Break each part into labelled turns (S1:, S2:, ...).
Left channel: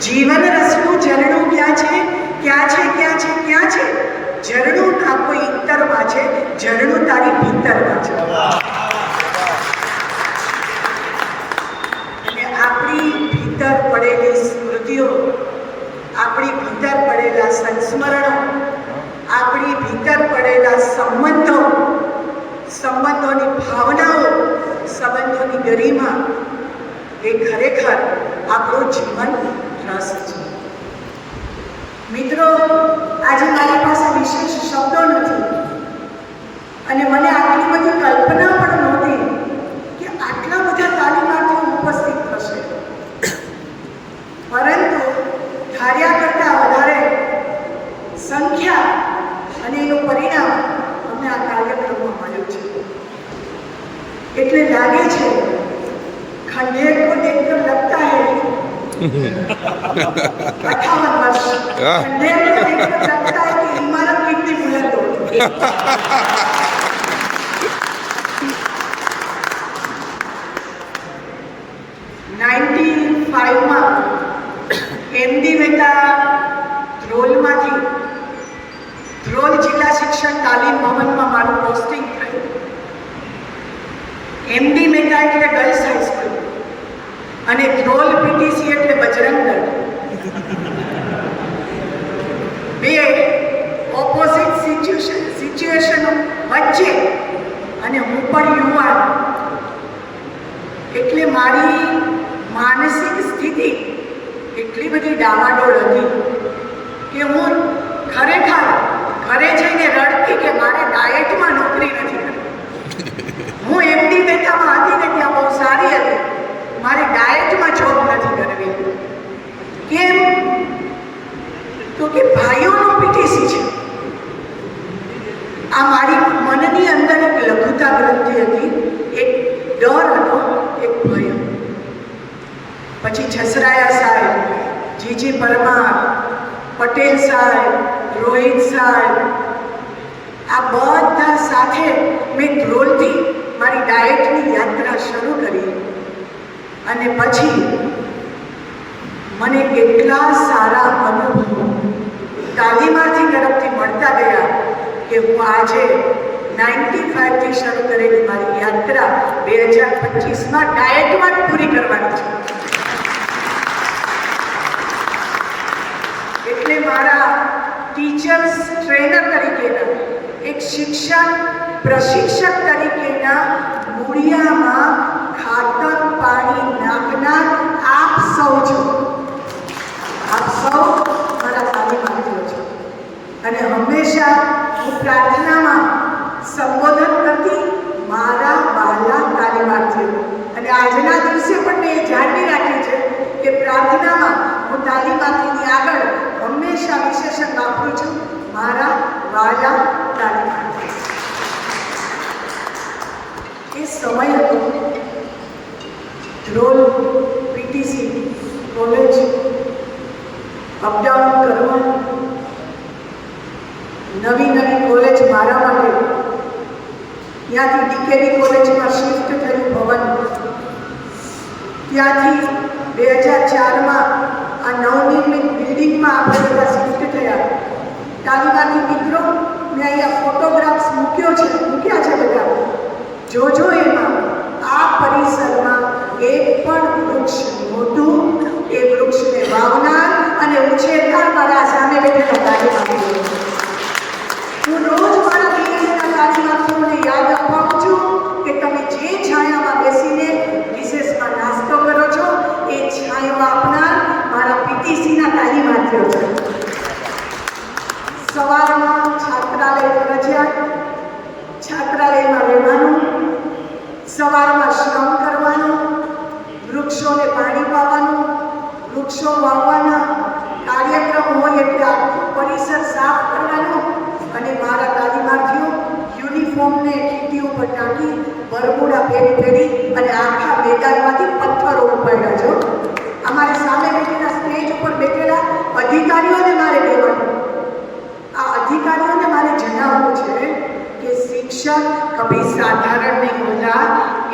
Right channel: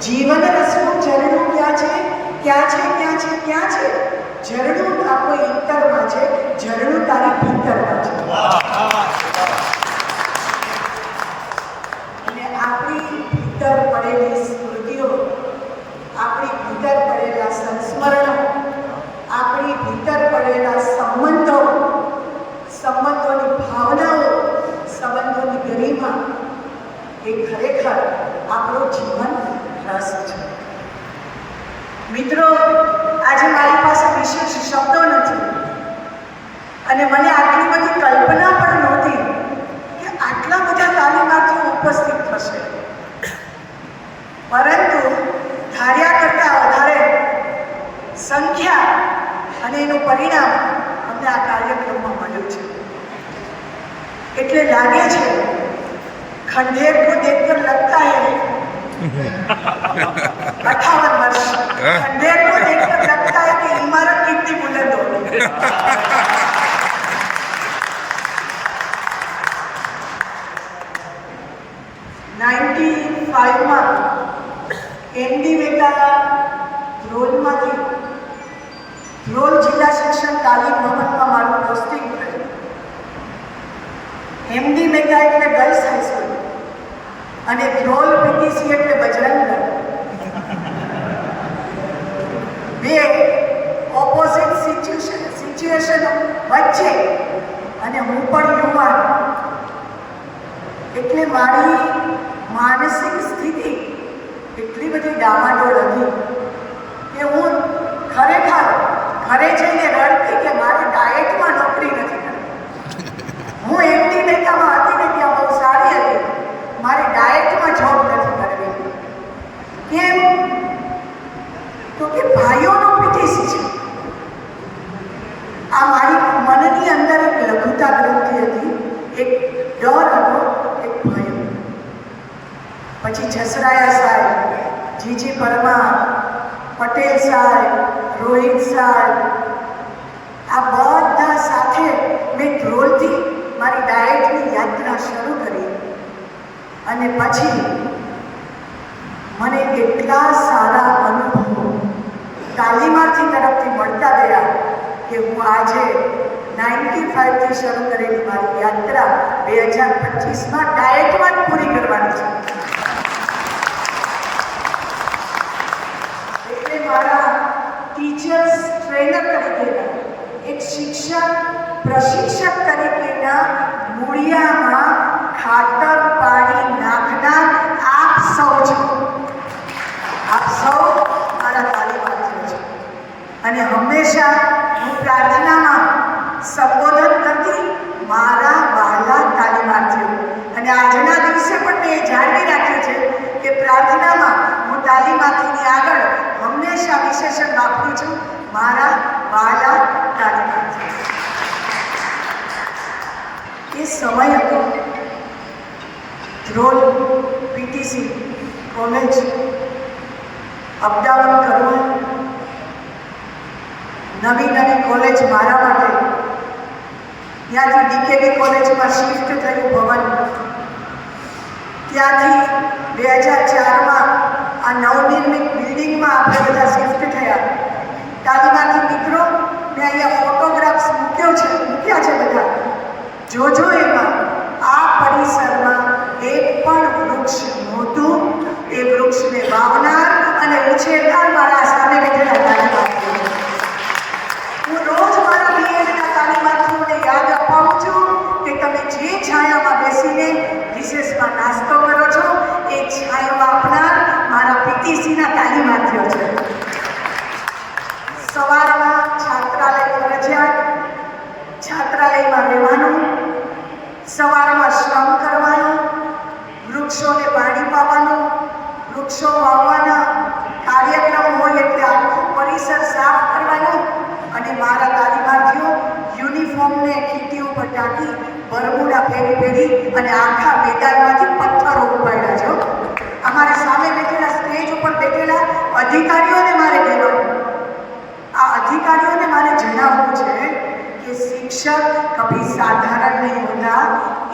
S1: જીવન રસનું ઝરણું ક્યાં છે? ક્યાં છે? ક્યાં છે? ક્યાં છે? ઝરણું ના કોઈ ઇતરમાં છે. ઝરણું તારી ભીતરમાં છે. અને આપણી ભીતર પડેલી સ્મૃતિઓ, આપણી ભીતર પડેલા સંસ્મરણો, આપણી ભીતર પડેલા સંબંધો, સંબંધોની ભાવનાઓ, સંબંધોની ગરિમા, એ ખરેખર આપણું જીવન રસ છે. મિત્રો, આજે મારી પાસે વિશેષ શબ્દો નથી. અને મને આટલી બધી કલ્પના પણ નહોતી કે આટલા બધા તાલીમાર્થીઓ ઉપસ્થિત થશે. પરંતુ ધાર્યા કરતાં વધારે સંખ્યા અને એનું પરિણામ અમને આ કાર્યક્રમમાં મળ્યું છે. એટલે લાગે છે ખંડેર કો દેખકર લગતા હૈ. अट्ठावन वर्ष खंडेर को देखकर लगता है कि इमारत कितनी बुलंद होगी નાઇન્ટી ફાઇવમાં એમડી મહેતા ધ્રોલમાંથી ધ્રોલ જિલ્લા શિક્ષણ તાલીમ ભવનમાં મારું પોસ્ટિંગ થયું એમડી મહેતા એટલે ગર્લ્સ હાઈસ્કૂલ અને ધ્રોલ પીટીસી એટલે બજરંગ દળ. બે ઓપોઝિટ સિચ્યુએશન સિચ્યુએશનો વચ્ચે અને હું પણ યુવાન. એટલે મારી માનસિક સ્થિતિ એટલી બધી ડામાડોળ હતી કે હું ખરેખર ઘરે જઈને રડતી કે મારે ડાયટમાં નોકરી નથી કરવી. હું એમની મહેતામાં હતી ને ત્યાં બહુ સારી હતી. મારે ડાયટમાં જોબ નથી કરવી. કેમ? તો કે ભાઈઓનું પીટીસી છે. આ મારી મનની અંદર એક લઘુતા ગ્રંથિ હતી. એક ડર હતો, એક ભય. પછી છસરાયા સાહેબ, જીજી પરમાર, પટેલ સાહેબ, રોહિત સાહેબ, આ બધા સાથે મેં ધ્રોલથી મારી ડાયટની યાત્રા શરૂ કરી. અને પછી મને એટલા સારા અનુભવો તાલીમાર્થી તરફથી મળતા ગયા કે હું આજે નાઇન્ટી ફાઇવથી શરૂ કરેલી મારી યાત્રા બે હજાર પચીસમાં ડાયટમાં જ પૂરી કરવાની છે. એટલે મારા ટીચર્સ, ટ્રેનર તરીકેના, એક શિક્ષક, પ્રશિક્ષક તરીકેના મૂળિયામાં ખાતર પાણી નાખનાર આપ સૌ છો આપ સૌ મારા તાલીમાર્થીઓ છો અને હંમેશા હું પ્રાર્થનામાં સંબોધન કરતી મારા વાલા તાલીમાર્થીઓ. અને આજના દિવસે પણ મેં એ જાળવી રાખ્યું છે કે પ્રાર્થનામાં હું તાલીમાર્થીની આગળ હંમેશા વિશેષણ વાપરું છું, મારા વાલા તાલીમાર્થીઓ. એ સમય હતો રોલ પીટીસી કોલેજ અપડાઉન કરવાનું નવી નવી કોલેજ મારા માટે. ત્યાંથી ડીકેડી કોલેજમાં શિફ્ટ થયું ભવન. ત્યાંથી બે હજાર ચારમાં આ નવનિર્મિત બિલ્ડિંગમાં આપણે બધા શિફ્ટ થયા. તાલીમાર્થી મિત્રો, મેં અહીંયા ફોટોગ્રાફ્સ મૂક્યો છે, મૂક્યા છે બધા. જોજો એમાં, આ પરિસરમાં એક પણ વૃક્ષ નહોતું. એ વૃક્ષને વાવનાર અને ઉછેરનાર મારા સામે બેઠેલા તાલીમાર્થીઓ હું રોજ મારા બીએડના તાલીમાર્થીઓને યાદ અપાવું છું કે તમે જે છાયામાં બેસીને રિસેસમાં નાસ્તો કરો છો, એ છાયામાં આપનાર મારા પીટીસીના તાલીમાર્થીઓ છે. સવારમાં છાત્રાલય ફરજિયાત, છાત્રાલયમાં રહેવાનું, સવારમાં શ્રમ કરવાનું, વૃક્ષોને પાણી પાવાનું, વૃક્ષો વાવવાના કાર્યક્રમ હોય એટલે આખું પરિસર સાફ કરવાનું અને મારા તાલીમાર્થીઓ યુનિફોર્મને ખીટી ઉપર ટાંકી બરમુડા ફેરી ફેરી અને આખા મેદાનમાંથી પથ્થરો ઉપાડ્યા છો અમારી સામે બેઠેલા સ્ટેજ ઉપર બેઠેલા અધિકારીઓને મારે કહેવાનું. આ અધિકારીઓને મારે જણાવવું છે કે શિક્ષક કભી સાધારણ નહીં હોતા.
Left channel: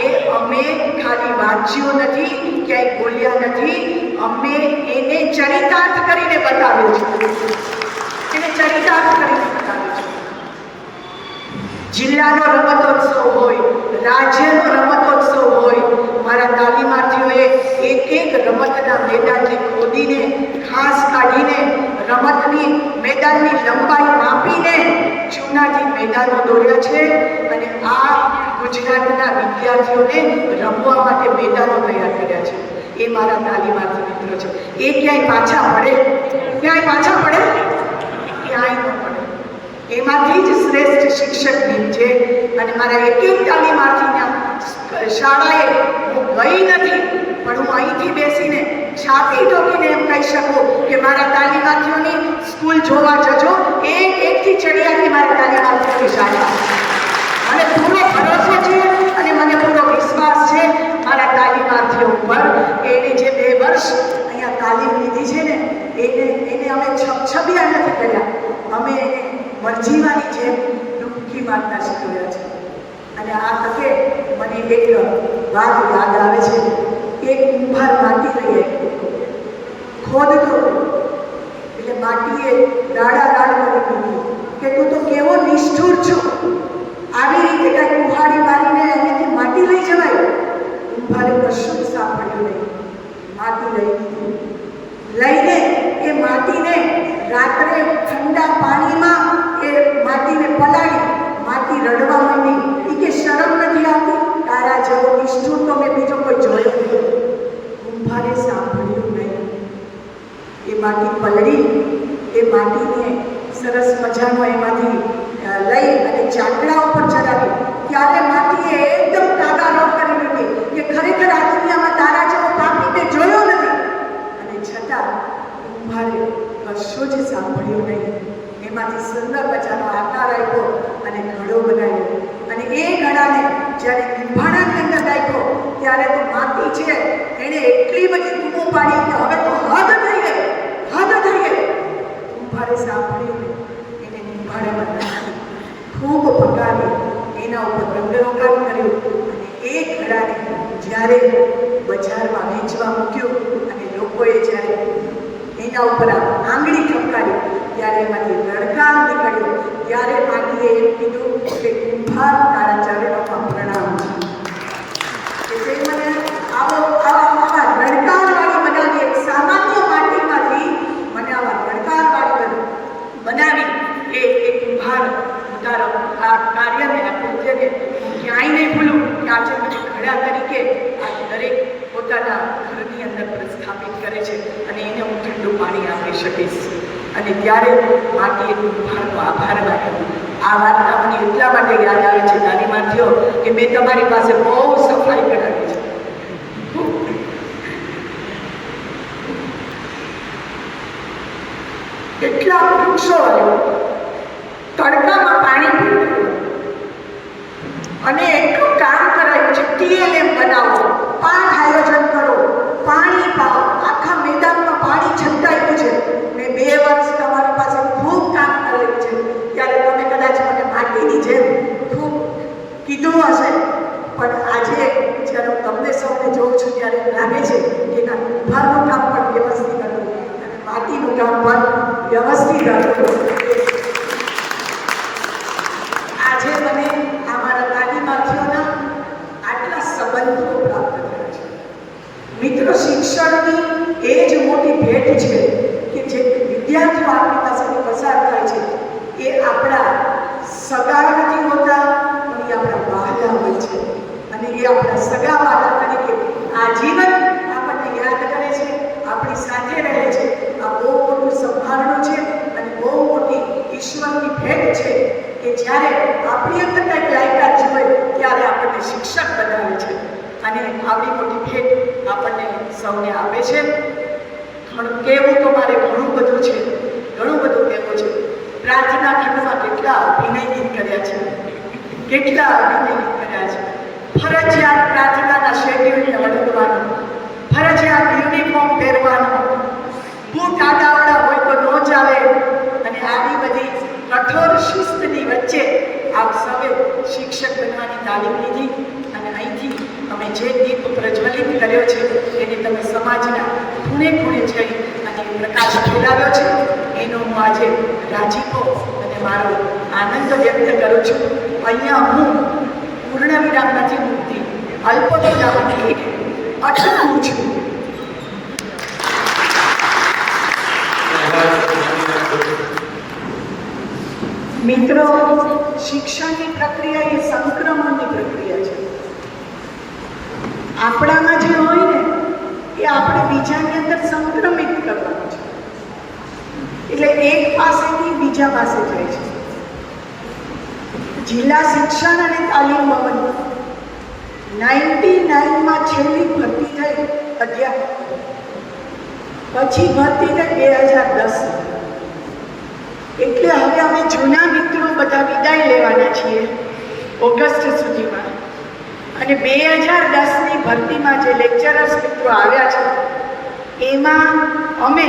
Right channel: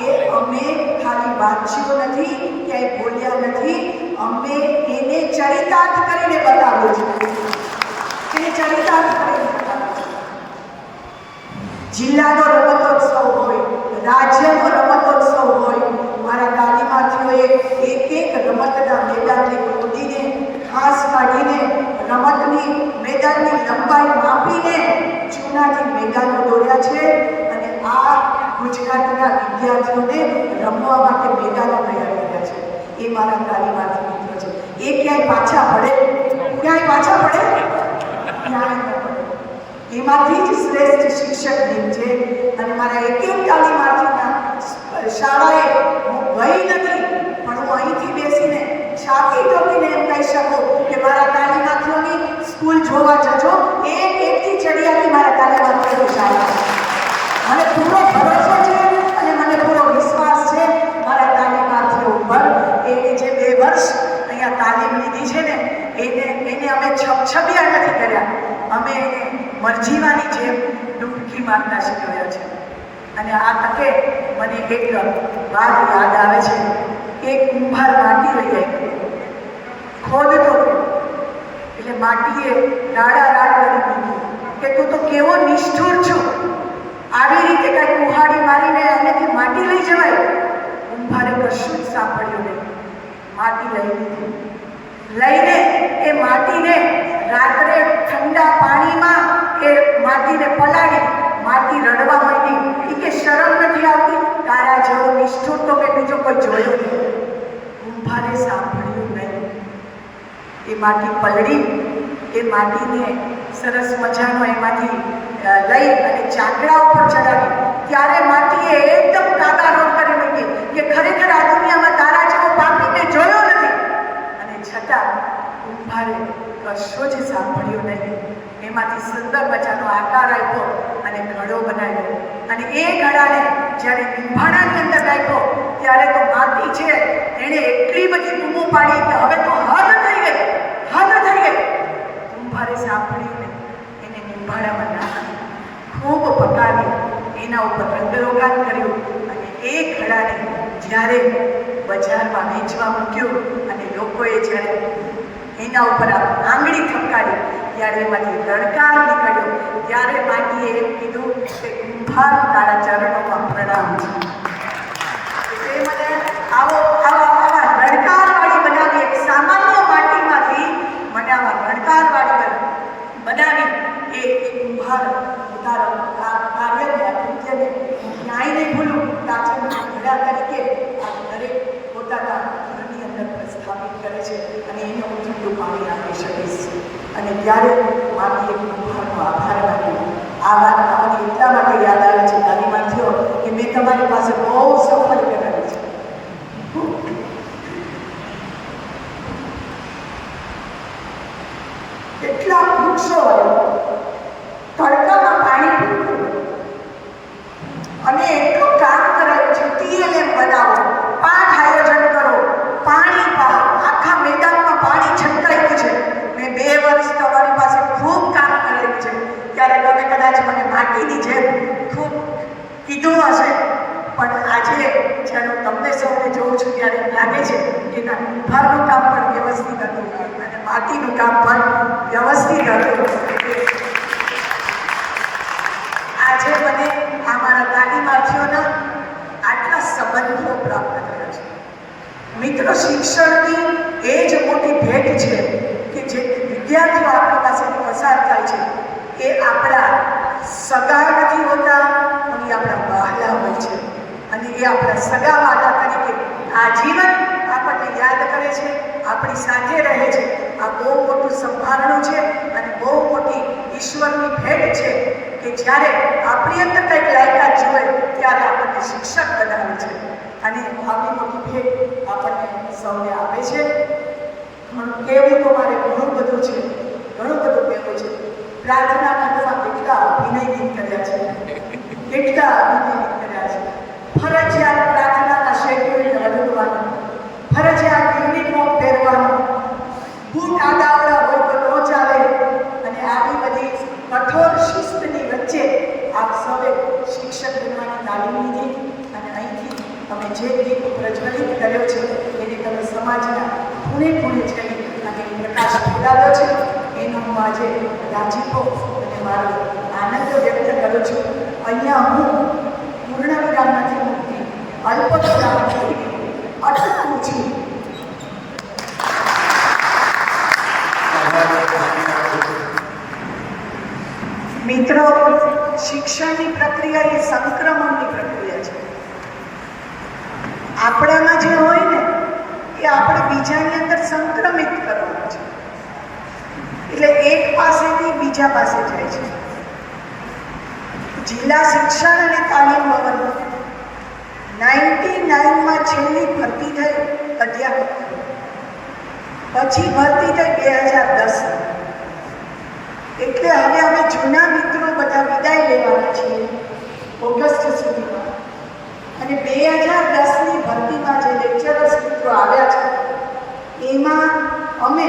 S1: એ અમે ખાલી વાંચ્યો નથી, ક્યાંય બોલ્યા નથી. અમે એને ચરિતાર્થ કરીને બતાવ્યું છે. એને ચરિતાર્થ કરીને જિલ્લાનો રમતોત્સવ હોય, રાજ્યનો રમતોત્સવ હોય, મારા તાલીમાર્થીઓએ એક એક રમતના મેદાનને ખોદીને ઘાસ કાઢીને, રમતની મેદાનની લંબાઈ માપીને જૂનાથી મેદાનો દોર્યા છે અને આ ગુજરાતના વિદ્યાર્થીઓને રમવા માટે મેદાનો તૈયાર કર્યા છે. એ મારા તાલીમાર્થી મિત્રો છે. એ ક્યાંય પાછા પડે? ક્યાંય પાછા પડે? ક્યાંય ન પડે. એમાંથી જ શ્રેષ્ઠ શિક્ષક છે. અને મારા એક એક તાલીમાર્થીના શાળાએ હું ગઈ નથી, પણ હું અહીંથી બેસીને છાતી ઠોકીને એમ કહી શકું કે મારા તાલીમાર્થીઓની સ્કૂલ જોવા જજો. એક એકથી ચડિયાથી મારા તાલીમાર્થીઓની શાળા. મને પૂરો ભરોસો છે અને મને પૂરો વિશ્વાસ છે મારા તાલીમાર્થીઓ ઉપર એણે જે બે વર્ષ અહીંયા તાલીમ લીધી છે ને, એને એને અમે છપછપિયા નથી કર્યા. અમે એને મરજીવાની જેમ ડૂબકી મારતા શીખવ્યા છે. અને આ તકે મને એક વાત યાદ આવે છે એક કુંભાર માટી લઈ આવ્યો. ખોદતો એટલે માટીએ રાડા રાડ કરી દીધું કે તું તો કેવો નિષ્ઠુર છો. આવી રીતે કાંઈ કુહાડી મારીને અહીંયાથી માટી લઈ જવાય? કુંભારે કશું જ સાંભળ્યું નહીં. માટી લઈ લીધી. લઈને એ માટીને રાત્રે ઠંડા પાણીમાં એ માટીને પલાળી, માટી રડવા માંડી. એ કે શરમ નથી આવતી? તારા જેવો નિષ્ઠુર તો મેં બીજો કોઈ જોયો નહીં. કુંભારે સાંભળ્યું નહીં. એ માટી પલળી, એ માટીને સરસ મજાનો એમાંથી લઈ અને ચાકડા ઉપર ચડાવી. ત્યારે માટીએ એકદમ કાદારોળ કરી મૂકી કે ખરેખર આ દુનિયામાં તારા જેવો પાપીને જોયો નથી. અને છતાં કુંભારે કશો જ સાંભળ્યું નહીં. એમાંથી સુંદર મજાનો આકાર આપ્યો અને ઘડો બનાવ્યો. અને એ ઘડાને જ્યારે કુંભાણાની અંદર નાખ્યો, ત્યારે તો માટી છે, એણે એટલી બધી બૂમો પાડી કે હવે તો હદ થઈ ગઈ હદ થઈ ગઈ. કુંભારે સાંભળ્યું એને કુંભાડામાં નાખી, ખૂબ પકાવી, એના ઉપર રંગરોગાન કર્યું અને એ ઘડાને જ્યારે બજારમાં વેચવા મૂક્યું અને લોકોએ જ્યારે એના ઉપર આંગળી ઠપકારી ત્યારે એમાંથી રડકાર નીકળ્યો. ત્યારે માટીએ એમ કીધું કે કુંભાર તારા ચરણોમાં પ્રણામ. છે તે મને આવો આવા આવા રણકારવાળી બનાવી, એક સામાન્ય માટીમાંથી મને આવા રણકારવાળી બનાવી એ એ કુંભાર ઉતારો. તારો આ કાર્યને આ કૃત્યને હું ક્યાંય નહીં ભૂલું. કે આજે મને ઘડા તરીકે આ દરેક પોતાના ઘરની અંદર પ્રસ્થાપિત કરે છે અને એને હું ઠંડુ પાણી આપી શકીશ. અને ત્યારે માટીએ કુંભારનો આભાર માન્યો. આ વાત મને એટલા માટે યાદ આવે છે, નાની માથીઓ કે મેં તમારી પાસે બહુ સફાઈ કરાવી છે. કેટલા વૃક્ષો તડકામાં પાણી અને એટલું કામ કરાયું છે, ટીએલએમ બનાવો પાઠ આયોજન કરો, પાણી પાઓ આખા મેદાનમાં પાણી છંટાયું છે મેં બે વર્ષ તમારી પાસે ખૂબ કામ કરેલું છે ત્યારે તમે કદાચ મને માટીની જેમ ખૂબ કીધું હશે, પણ આજે જ્યારે હું તમને સૌને જોઉં છું ત્યારે લાગે છે કે એના કુંભારનું કામ પણ વ્યવસ્થિત હતું અને માટીનું કામ પણ વ્યવસ્થિત હતું. આજે મને આ મારા તાલીમાર્થીઓના આટલા સંબંધો પ્રાપ્ત થયા છે. મિત્રો, શિક્ષણની એ જ મોટી ભેટ છે કે જે વિદ્યાર્થીઓ આપણી પાસેથી પસાર થાય છે. એ આપણા સગા નથી હોતા, પણ એ આપણા વહાલા હોય છે. અને એ આપણા સગા વાલા તરીકે આજીવન આપણને યાદ કરે છે, આપણી સાથે રહે છે. આ બહુ મોટું સંભારણું છે અને બહુ મોટી ઈશ્વરની ભેટ છે કે જ્યારે આપણી અંદર કંઈક લાયકાત જુએ, ત્યારે આપણને શિક્ષક બનાવે છે. અને આવડી મોટી ભેટ આપણને સૌને આપે છે. પણ કહેવું તો મારે ઘણું બધું છે. ઘણું બધું પ્રાર્થના ખંડમાં કેટલા અભિનય કર્યા છે? કેટલા અભિનય કર્યા છે? ફરજિયાત પ્રાર્થનાના શેડ્યુલને અડકવાનું ફરજિયાત યુનિફોર્મ પહેરવાનું. બૂટ આડાવડા હોય તો ન ચાલે. અને આવી બધી કઠોર શિસ્તની વચ્ચે આપ સૌએ શિક્ષક બનવાની તાલીમ લીધી. અને અહીંથી અમે જે દીપ પ્રજ્વલિત કર્યો છે, એને તમે સમાજના ખૂણે ખૂણે જઈ અને પ્રકાશ ફેલાવ્યો છે. એનો હું આજે રાજીપો અને મારો આનંદ વ્યક્ત કરું છું. અહીંયા હું પૂર્ણ વિરામ નથી મૂકતી અલ્પ વિરામથી અટકું છું. મિત્રો, શિક્ષણની પ્રક્રિયા એ સંક્રમણની પ્રક્રિયા છે. આપણામાં જે હોય ને, એ આપણે બીજાની અંદર સંક્રમિત કરવાનું છે. એટલે એક પાસેથી બીજા પાસે જાય છે. જિલ્લા શિક્ષણ અને તાલીમ ભવન નાઇન્ટી નાઇનમાં છેલ્લી ભરતી થઈ અધ્યાપક પછી ભરતી થઈ બે હજાર દસ. એટલે હવે અમે જૂના મિત્રો બધા વિદાય લેવાના છીએ ઓગસ્ટ સુધીમાં. અને બે હજાર દસની ભરતીમાં જે લેક્ચરર્સ મિત્રો આવ્યા છે, એમાં અમે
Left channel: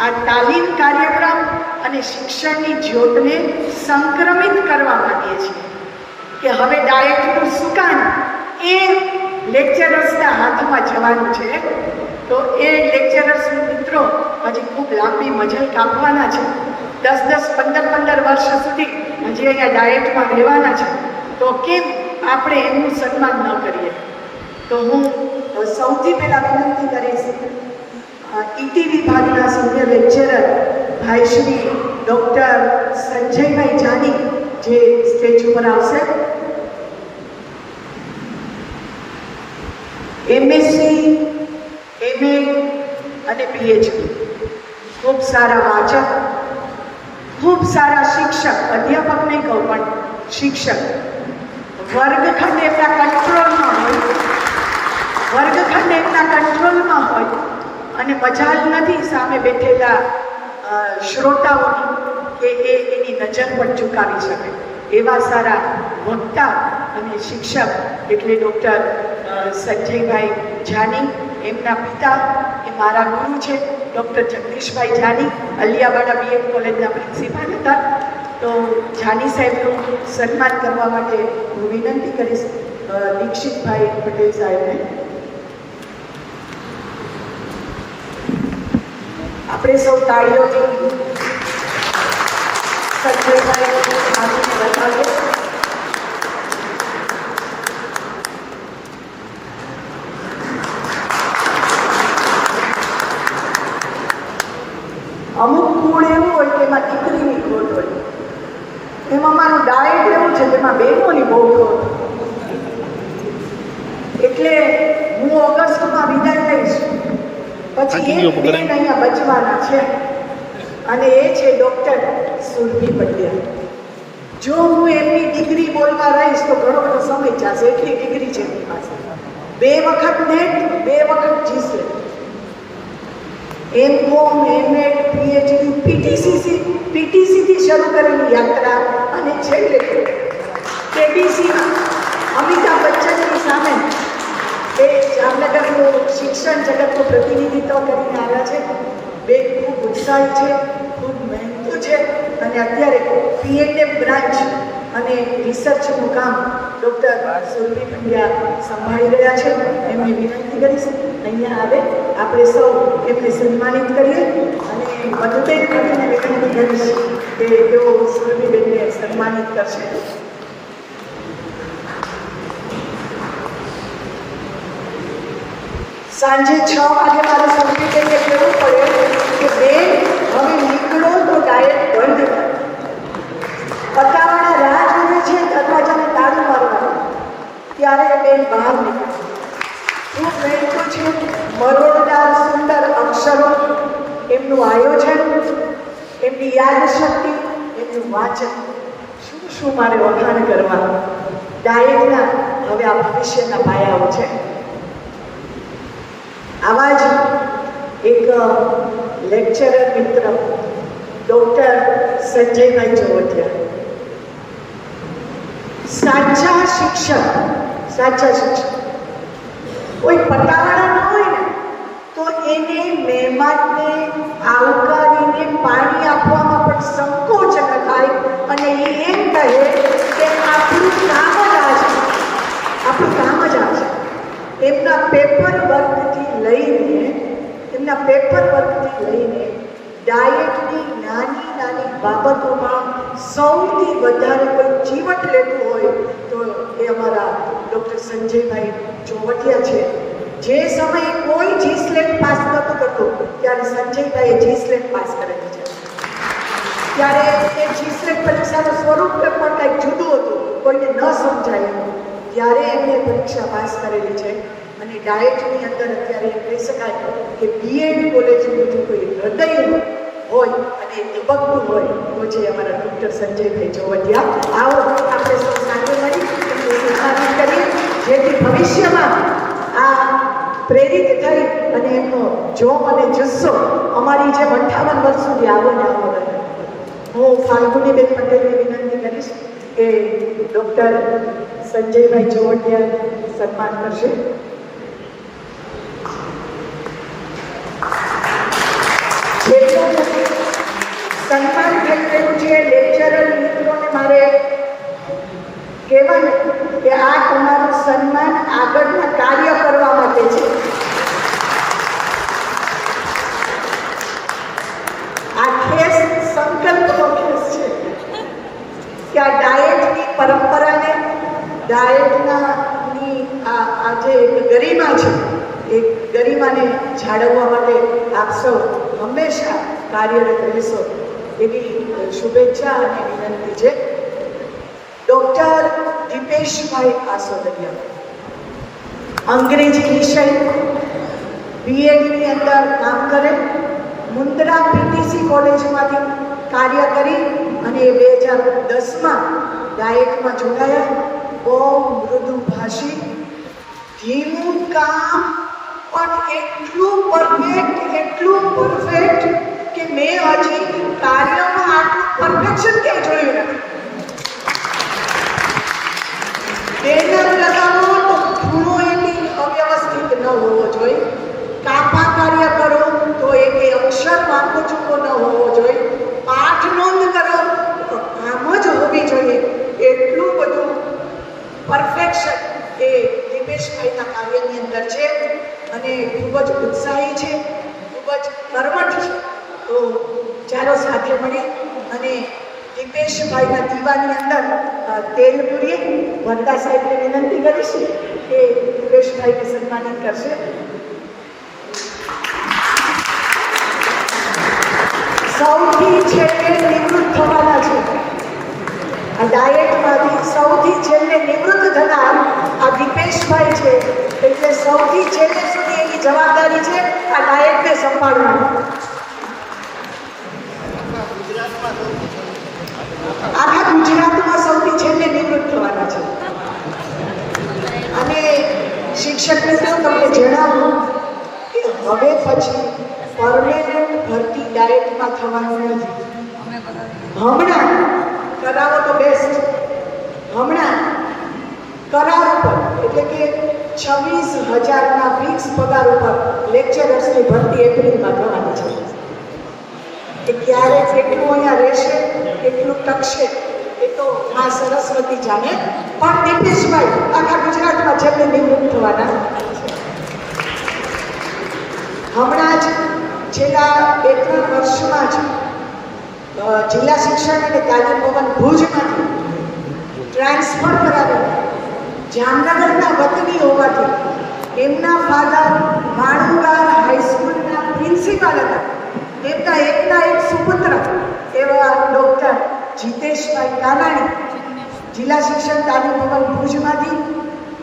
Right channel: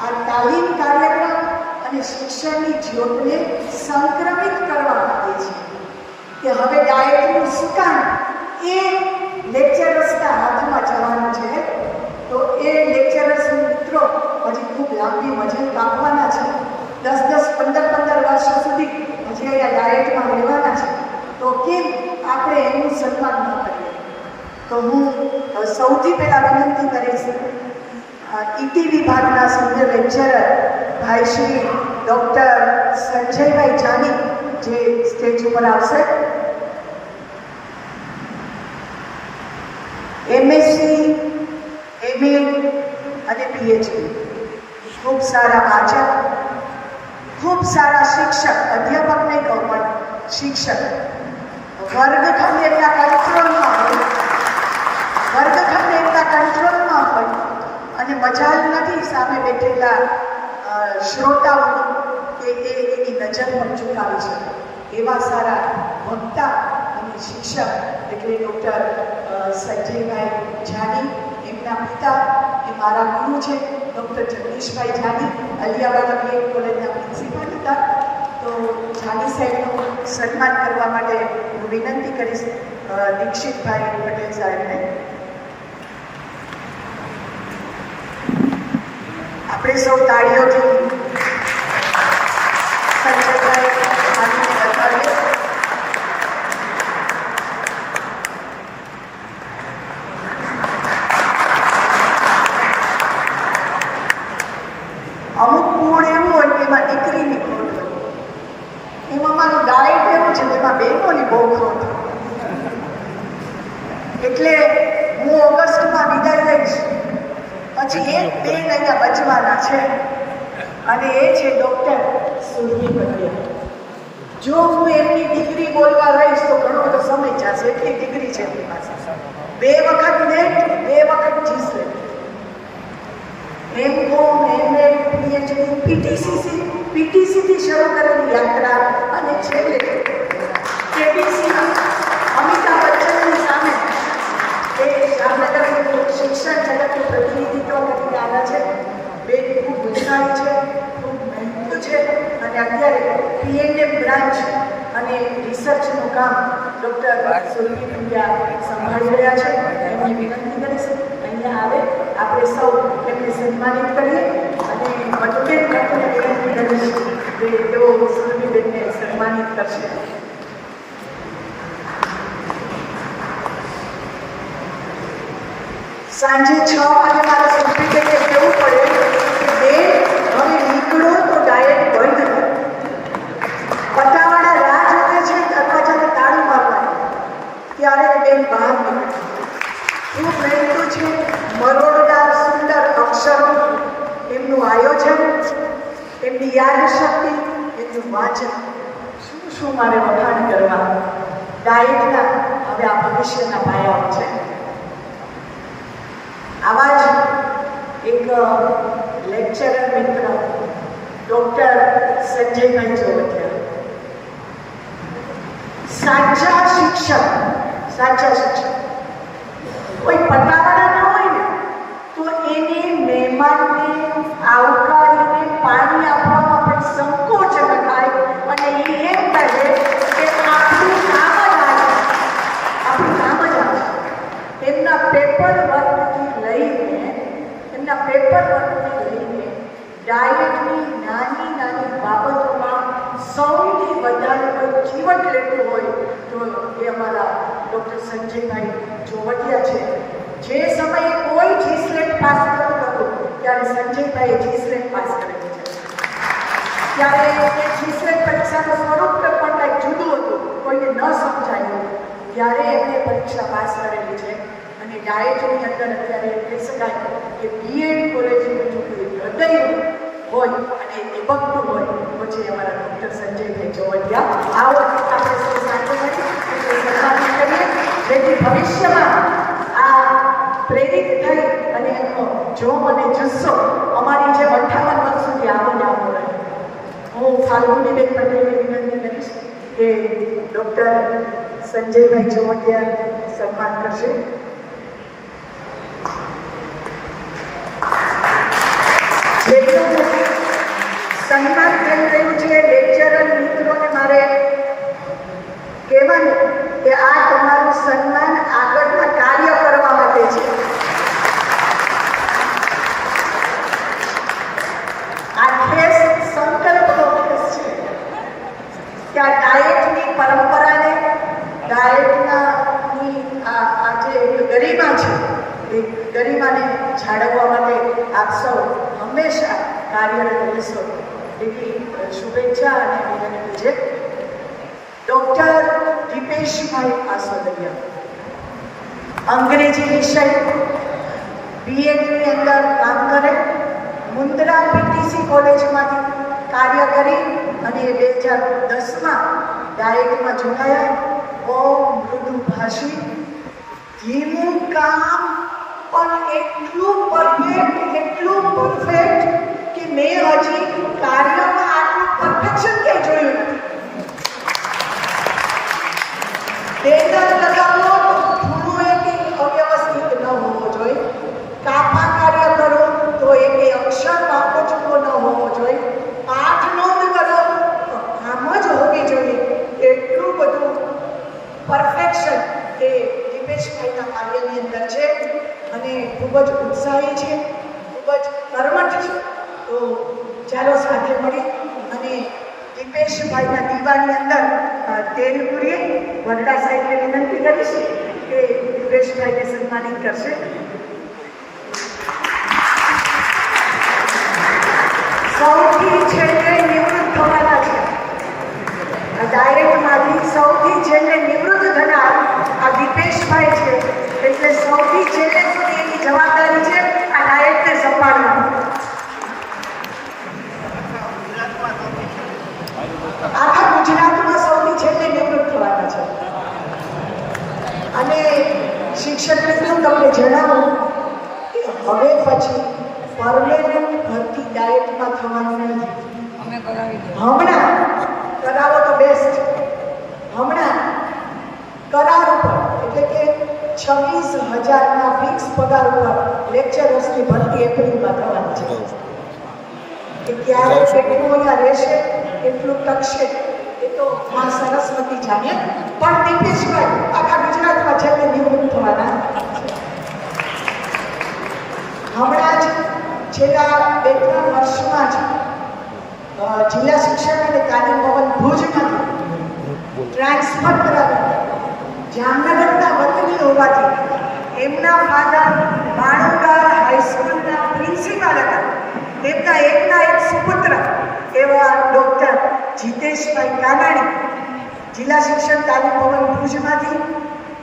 S1: આ તાલીમ કાર્યક્રમ અને શિક્ષણની જ્યોતને સંક્રમિત કરવા માંગીએ છીએ કે હવે ડાયટનું સુકાન એ લેક્ચરર્સના હાથમાં જવાનું છે, તો એ લેક્ચરર્સ મિત્રો હજી ખૂબ લાંબી મજલ કાપવાના છે. દસ દસ, પંદર પંદર વર્ષ સુધી હજી અહીંયા ડાયટમાં રહેવાના છે. તો કેમ આપણે એનું સન્માન ન કરીએ? તો હું સૌથી પહેલાં વિનંતી કરીશ ઈટી વિભાગના સિનિયર લેક્ચરર ભાઈ શ્રી ડૉક્ટર સંજયભાઈ જાની જે સ્ટેજ ઉપર આવશે. એમએસસી એમએ અને પીએચડી ખૂબ સારા વાચક, ખૂબ સારા શિક્ષક અધ્યાપક નહીં કહું પણ શિક્ષક. વર્ગખંડ એમના કંટ્રોલમાં હોય, વર્ગખંડ એમના કંટ્રોલમાં હોય અને મજાલ નથી સામે બેઠેલા શ્રોતાઓની એ એની નજર પણ ચૂકાવી શકે એવા સારા વક્તા અને શિક્ષક એટલે ડૉક્ટર સંજયભાઈ જાની, એમના પિતા એ મારા ગુરુ છે, ડૉક્ટર જગદીશભાઈ જાની, અલિયાવાડા બીએડ કોલેજના પ્રિન્સિપાલ હતા. તો જાની સાહેબનું સન્માન કરવા માટે હું વિનંતી કરીશ દીક્ષિતભાઈ પટેલ સાહેબને. આપણે સૌ તાળીઓથી સંજયભાઈ હાથને વધાવીએ અમુક કુળ એવું હોય કે એમાં દીકરીની ખોટ હોય એમાં મારું ડાયટ એવું છે કે એમાં બહેનોની બહુ ખોટ હોય. એટલે હું ઓગસ્ટમાં વિદાય લઈશ પછી એક બેન અહીંયા બચવાના છે. અને એ છે ડૉક્ટર સુરભી પંડ્યા જો હું એમની ડિગ્રી બોલવા રહીશ તો ઘણો બધો સમય જશે. એટલી ડિગ્રી છે એમની પાસે. બે વખત નેટ બે વખત જીસે એમ કોમ એમએડ પીએચડી પીટીસીસી પીટીસીથી શરૂ કરેલી યાત્રા અને છેલ્લે કેબીસીમાં અમિતાભ એ જામનગરનું શિક્ષણ જગતનું પ્રતિનિધિત્વ કરીને આવ્યા છે બે ખૂબ ઉત્સાહી છે ખૂબ મહેનતુ છે અને અત્યારે પીએનએમ બ્રાન્ચ અને રિસર્ચનું કામ ડૉક્ટર સુરભી પંડ્યા સંભાળી રહ્યા છે એમને વિનંતી કરીશ અહીંયા આવે આપણે સૌ એમને સન્માનિત કરીએ અને મતભેદ કરીને વિનંતી કરીશ કે તેઓ સુરભીબેનને સન્માનિત કરશે સાંજે છ વાગે મારે સુરભીબેનને કહેવું પડે કે બે હવે નીકળો તો ડાયરેક્ટ બંધ કરો. પટ્ટાવાળા રાહ જોવે છે, દરવાજાને તાળું મારવાનું. ત્યારે બેન બહાર નીકળે. ખૂબ મહેનતુ છે? મરોડદાર સુંદર અક્ષરો એમનું આયોજન, એમની યાદશક્તિ, એમનું વાચન. શું શું મારે વખાણ કરવા ડાયટના હવે આ ભવિષ્યના પાયાઓ છે આવા જ એક લેક્ચરર મિત્ર ડૉક્ટર સંજયભાઈ ચૌધરી સાચા શિક્ષક સાચા શિક્ષક. કોઈ પટ્ટાવાળા ન હોય ને, તો એને મહેમાનને આવકારીને પાણી આપવામાં પણ સંકોચ થાય અને એ એમ કહે
S2: પેપર વર્કથી લઈને, એમના પેપર વર્કથી લઈને ડાયટની નાની નાની બાબતોમાં સૌથી વધારે કોઈ ચીવટ લેતું હોય તો એ અમારા ડૉક્ટર સંજયભાઈ ચોવટિયા છે. જે સમયે કોઈ જી સ્લેટ પાસ નહોતું કરતું, ત્યારે સંજયભાઈએ જી સ્લેટ પાસ કરેલું છે. ત્યારે એ જીસેટ પરીક્ષાનું સ્વરૂપ પણ કંઈક જુદું હતું, કોઈને ન સમજાયું, ત્યારે એમણે પરીક્ષા પાસ કરેલી છે. અને ડાયટની અંદર અત્યારે કહી શકાય કે બીએડ કોલેજનું જો કોઈ હૃદય હોય અને ધબકતું હોય, તો છે અમારા ડૉક્ટર સંજયભાઈ ચોવટિયા આવો આપણે સૌ સાથે મળી સન્માનિત કરીએ, જેથી ભવિષ્યમાં આ પ્રેરિત થઈ અને એમનો જોમ અને જુસ્સો અમારી જે અઠ્ઠાવન વર્ષ સુધી આવો ને આવો હું ફાલ્ગુનીબેન પટેલને વિનંતી કરીશ કે ડૉક્ટર સંજયભાઈ જોવટિયા સન્માન કરશે જેટલું સન્માન થઈ રહ્યું છે લેક્ચરર મિત્રોને મારે કહેવાનું કે આ તમારું સન્માન આગળના કાર્ય કરવા માટે છે આ ખેસ સંકલ્પનો ખેસ છે કે આ ડાયટની પરંપરાને ડાયટના ની આ આ જે ગરિમા છે એ ગરિમાને જાળવવા માટે આપ સૌ હંમેશા કાર્યરત રહીશો એવી શુભેચ્છા અને વિનંતી છે. ડૉક્ટર દીપેશભાઈ આસોદરિયા, અંગ્રેજી વિષય બીએડની અંદર કામ કરે, મુન્દ્રા પીટીસી કોલેજમાંથી કાર્ય કરી અને એ બે હજાર દસમાં ડાયટમાં જોડાયા. બહુ મૃદુભાષી ધીમું કામ પણ એટલું પરફેક્ટ એટલું પરફેક્ટ કે મેં હજી કાર્યમાં આટલું પરફેક્શન ક્યાંય જોયું નથી. બેનર લગાવો તો ખૂણો એની અવ્યવસ્થિત ન હોવો જોઈએ. કાપા કાર્ય કરો તો એક અક્ષર વાંકો ચૂકો ન હોવો જોઈએ. પાઠ નોંધ કરો તો આમ જ હોવી જોઈએ. એટલું બધું પરફેક્શન એ દિપેશભાઈના કાર્યની અંદર છે અને ખૂબ જ ઉત્સાહી છે, ખૂબ જ કર્મઠ છે. તો ચાલો સાથે મળી અને દીપેશભાઈના દીવાની અંદર તેલ પૂરીએ. વરદા સાહેબને વિનંતી કરીશ કે દીપેશભાઈને સન્માનિત કરશે. સૌથી છેલ્લે નિવૃત્ત થવાના છે આ ડાયટમાંથી સૌથી છેલ્લે નિવૃત્ત થનાર આ દીપેશભાઈ છે. એટલે સૌથી છેલ્લે સુધી એની જવાબદારી છે, આ ડાયટને સંભાળવાનું. આખા ગુજરાતમાં સૌથી છેલ્લે નિવૃત્ત થવાના છે. અને શિક્ષકને પણ તમને જણાવું કે હવે પછી પરમેનન્ટ ભરતી ડાયટમાં થવાનું નથી. હમણાં કરાવો તો બેસ્ટ હમણાં કરાર ઉપર એટલે કે છવ્વીસ હજારના ફિક્સ પગાર ઉપર લેક્ચરર્સની ભરતી એપ્રિલમાં થવાની છે. કે ક્યારે કેટલું અહીંયા રહેશે, કેટલું ટકશે એ તો મા સરસ્વતી જાણે. પણ દીપેશભાઈ, આખા ગુજરાતમાં છેલ્લે નિવૃત્ત થવાના હમણાં જ છેલ્લા બે ત્રણ વર્ષમાં જ જિલ્લા શિક્ષણ અને તાલીમ ભવન ભુજમાંથી ટ્રાન્સફર કરાવી જામનગરના વતની હોવાથી એમના ફાધર માણંગાર હાઈસ્કૂલના પ્રિન્સિપાલ હતા. તેમના એકના એક સુપુત્ર એવા ડૉક્ટર જીતેશભાઈ કાનાણી જિલ્લા શિક્ષણ તાલીમ ભવન ભુજમાંથી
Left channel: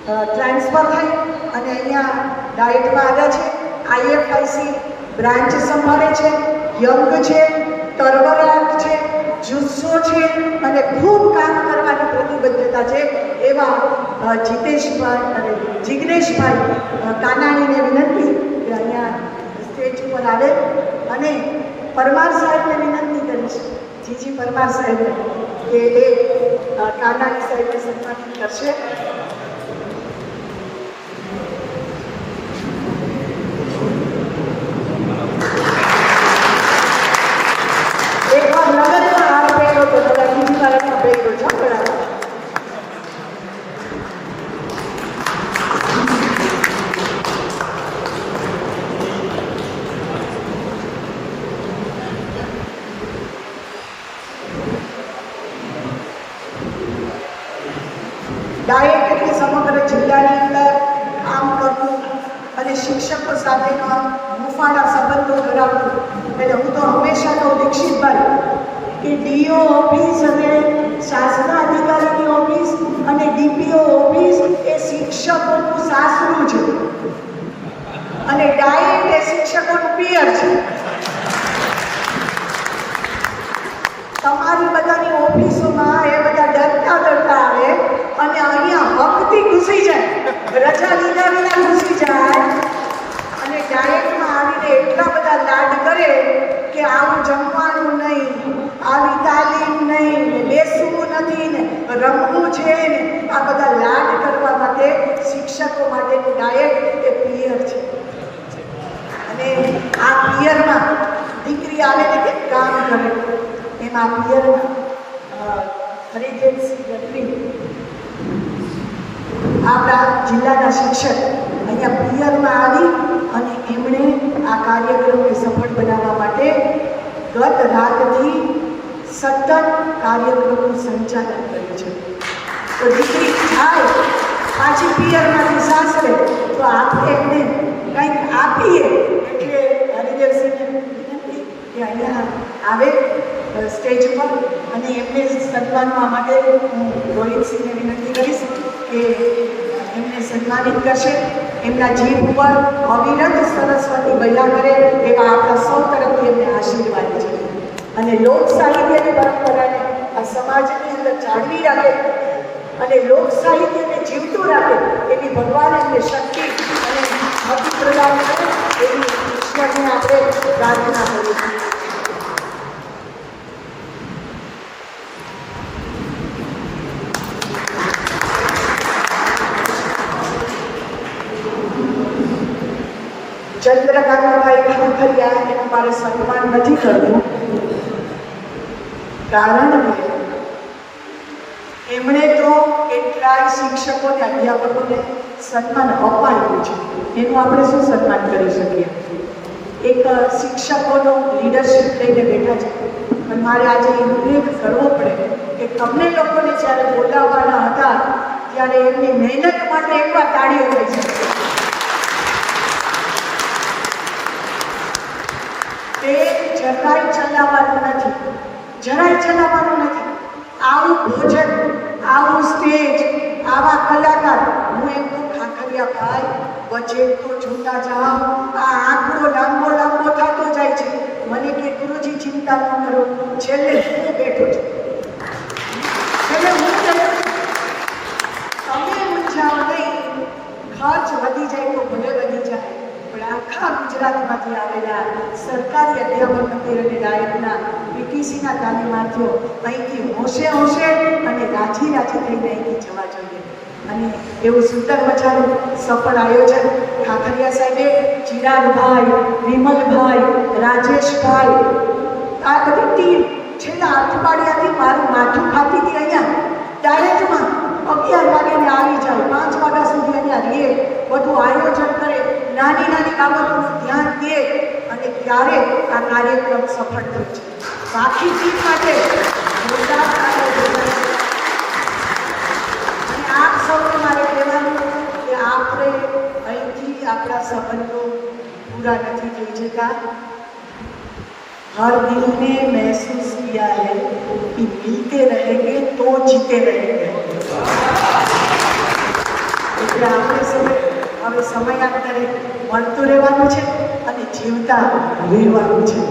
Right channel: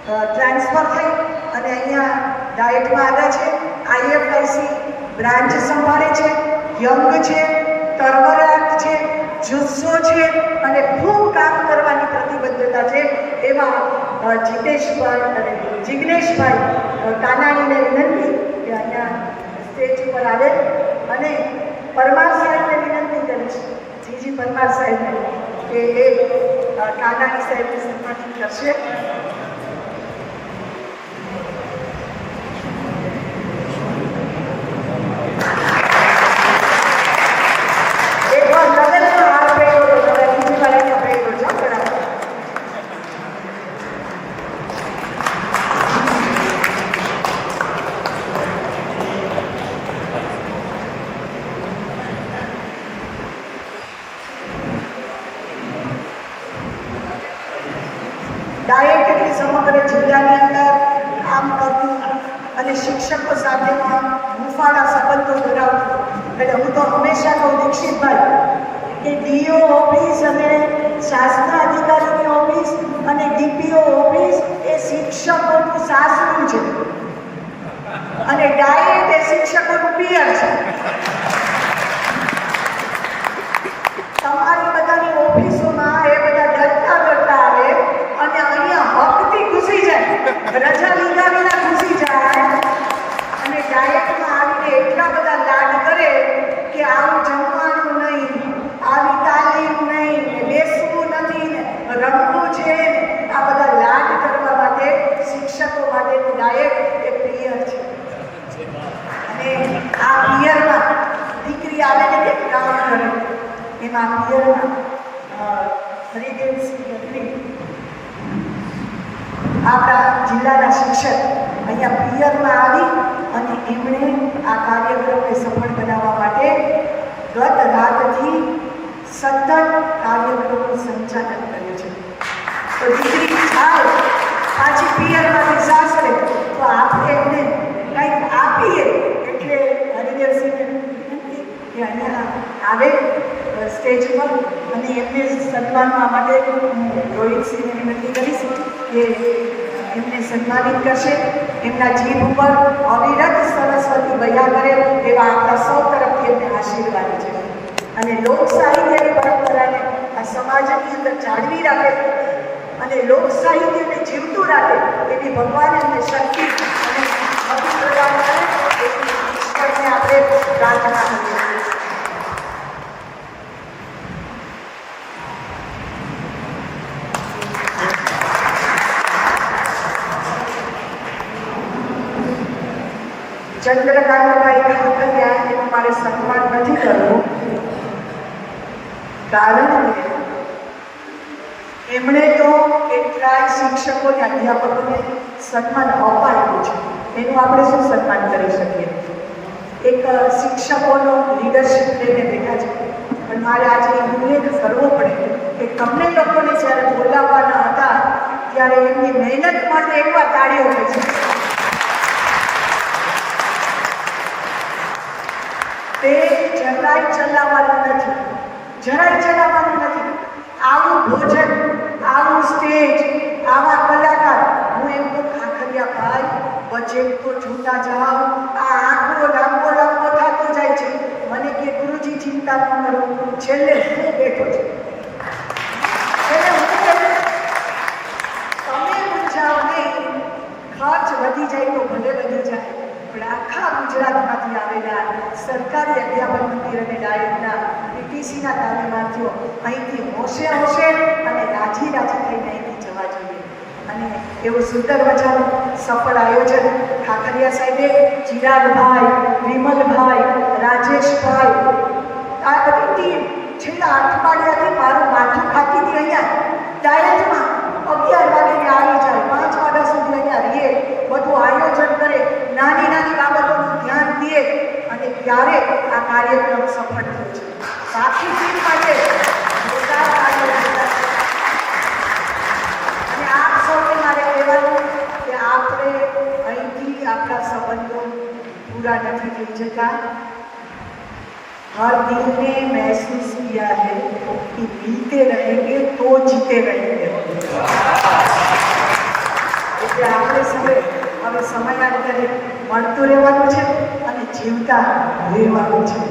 S2: ટ્રાન્સફર થઈ અને અહીંયા ડાયટમાં આવ્યા છે. આઈએફઆઈસી બ્રાન્ચ સંભાળે છે. યંગ છે તરવરાટ છે જુસ્સો છે અને ખૂબ કામ કરવાની પ્રતિબદ્ધતા છે એવા જીતેશભાઈ અને જિગ્નેશભાઈ કાનાણીને વિનંતી કે અહીંયા સ્ટેજ ઉપર આવે અને પરમાર સાહેબને વિનંતી કરીશ, જીજી પરમાર સાહેબને, કે એ કાનાણી સાહેબને સન્માનિત કરશે એક વાર લગે ને તો આ ભેગો તો તમે બીજી વાર એને ભેગો જાઓ બરાબર. ડાયટ એટલે સમગ્ર જિલ્લાની અંદર કામ કરવું અને શિક્ષકો સાથેના હુંફાળા સંબંધો ધરાવતું. એટલે હું તો હંમેશા કહું દીક્ષિતભાઈ, કે ડીઓ ઓફિસ અને શાસ્ત્ર અધિકારીની ઓફિસ અને ડીપીઓ ઓફિસ એ શિક્ષકોનું સાસરું છે. અને ડાયરેક્ટ એ શિક્ષકોનું પિયર છે. તમારી બધાની ઓફિસોમાં એ બધા ડરતા ડરતા આવે અને અહીંયા હકથી ઘૂસી જાય. રજા લીધા વિના ઘૂસી જાય અને ડાયટમાં આવીને એટલા બધા લાડ કરે કે આવું જમવાનું નહીં, આવી તાલીમ નહીં બેસવું નથી, ને રમવું છે ને, આ બધા લાડ કરવા માટે શિક્ષકો માટેની ડાયટ એ પિયર છે. અને આ પિયરમાં દીકરી આવે કે કામ કરે એમાં પિયરમાં હરિદેવસિંહ ગઢવી આપણા જિલ્લાના શિક્ષક અહીંયા પિયરમાં આવી અને એમણે આ કાર્યક્રમને સફળ બનાવવા માટે ગત રાતથી સતત કાર્યક્રમનું સંચાલન કર્યું છે. તો દીકરી થાય, પાછી પિયરમાંથી સાસરે તો આપણે એમને કંઈક આપીએ, એટલે કે અહીંયા આવે સ્ટેજ પર અને એમને સન્માનવા માટે હું રોહિતસિંહને વિનંતી કરીશ. કે એમને સન્માનિત કરશે. એમના જીભ ઉપર અવિરત સરસ્વતી બયા કરે તેવા આપણા સૌ તરફથી એમને આશીર્વાદ છે. અને લોક સાહિત્યની પરંપરાને આ સમાજની અંદર જાળવી રાખે અને લોક સાહિત્યને જીવતું રાખે એવી ભગવાન એમને શક્તિ અને પ્રદાન કરે એવી ઈશ્વરને આપણે પ્રાર્થના કરીએ છીએ. ઠાકરિયાને મારે સન્માન નથી કરવું કારણ કે એમણે તો કેટલાય શિક્ષકોને અધ્યાપકોને સન્માન અપાયું છે. એનું આપણે શું સન્માન કરી શકીએ? એક શિક્ષકોનો લીડરશિપ લઈને બેઠા છે. પણ મારે આજે ઉલ્લેખ કરવો પડે કે તમને લોકોને જ્યારે બોલાવવાના હતા, ત્યારે એમની મહેનત માટે એકવાર તાળીઓ થઈ છે તે જરાય ચલાવવાનું નથી. જરાય ચલાવવાનું નથી. આવું ભોજન, આવું સ્ટેજ, આવા કલાકાર, હું એમ તો ખાખરિયા ભાઈ બજેટ તો જોતા જાઓ. આ આંકડો લાંબો લાંબો થતો જાય છે. મને કે ગુરુજી ચિંતા ન કરો. છેલ્લે હું બેઠો છું છેલ્લે હું બેઠો છું. તમે મૂંઝાવ નહીં ખર્ચ વધી જાય તો ભલે વધી જાય પણ આખા ગુજરાતમાંથી આવેલા સરકારી અધ્યાપન મંદિર અને ડાયટના પીટીસીના તાલીમાર્થીઓ અહીંથી હોશે હોશે અને રાજી રાજી થઈને અહીંથી જવા જોઈએ. અને એવું સુંદર મજાનું સફળ આયોજન ખાખરિયા સાહેબે, ચિરાગભાઈ, વિમલભાઈ, રાજેશભાઈ, આ બધી ટીમ છેલ્લા અઠવાડિયાથી મારું માથું ખાતી હતી અહીંયા ડાયરેક્ટમાં અગિયાર વાગ્યાને આવી જાય પાંચ વાગ્યા સુધી અહીંયા રહીએ બધું આયોજન કરે નાની નાની બાબતોનું ધ્યાન દે અને ત્યારે આ કાર્યક્રમ સફળ થયો છે બાકી ટીમ માટે જોરદાર કાર્યો કર્યા છે અને આપ સૌને મારે કહેવાનું કે આપણે અહીંથી આપણા સંબંધો પૂરા નથી થઈ જતા हर दिल ने महसूस किया है कि बीते रहेंगे तो जीते रहेंगे એટલે આપણે સૌએ હવે સમયાંતરે મળતું રહેવાનું છે અને જીવતા રહેવાનું છે.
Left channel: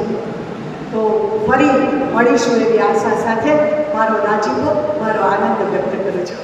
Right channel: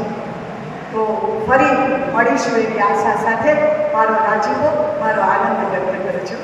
S2: તો ફરી મળીશું એવી આશા સાથે. મારો રાજીપો મારો આનંદ વ્યક્ત કરું છું.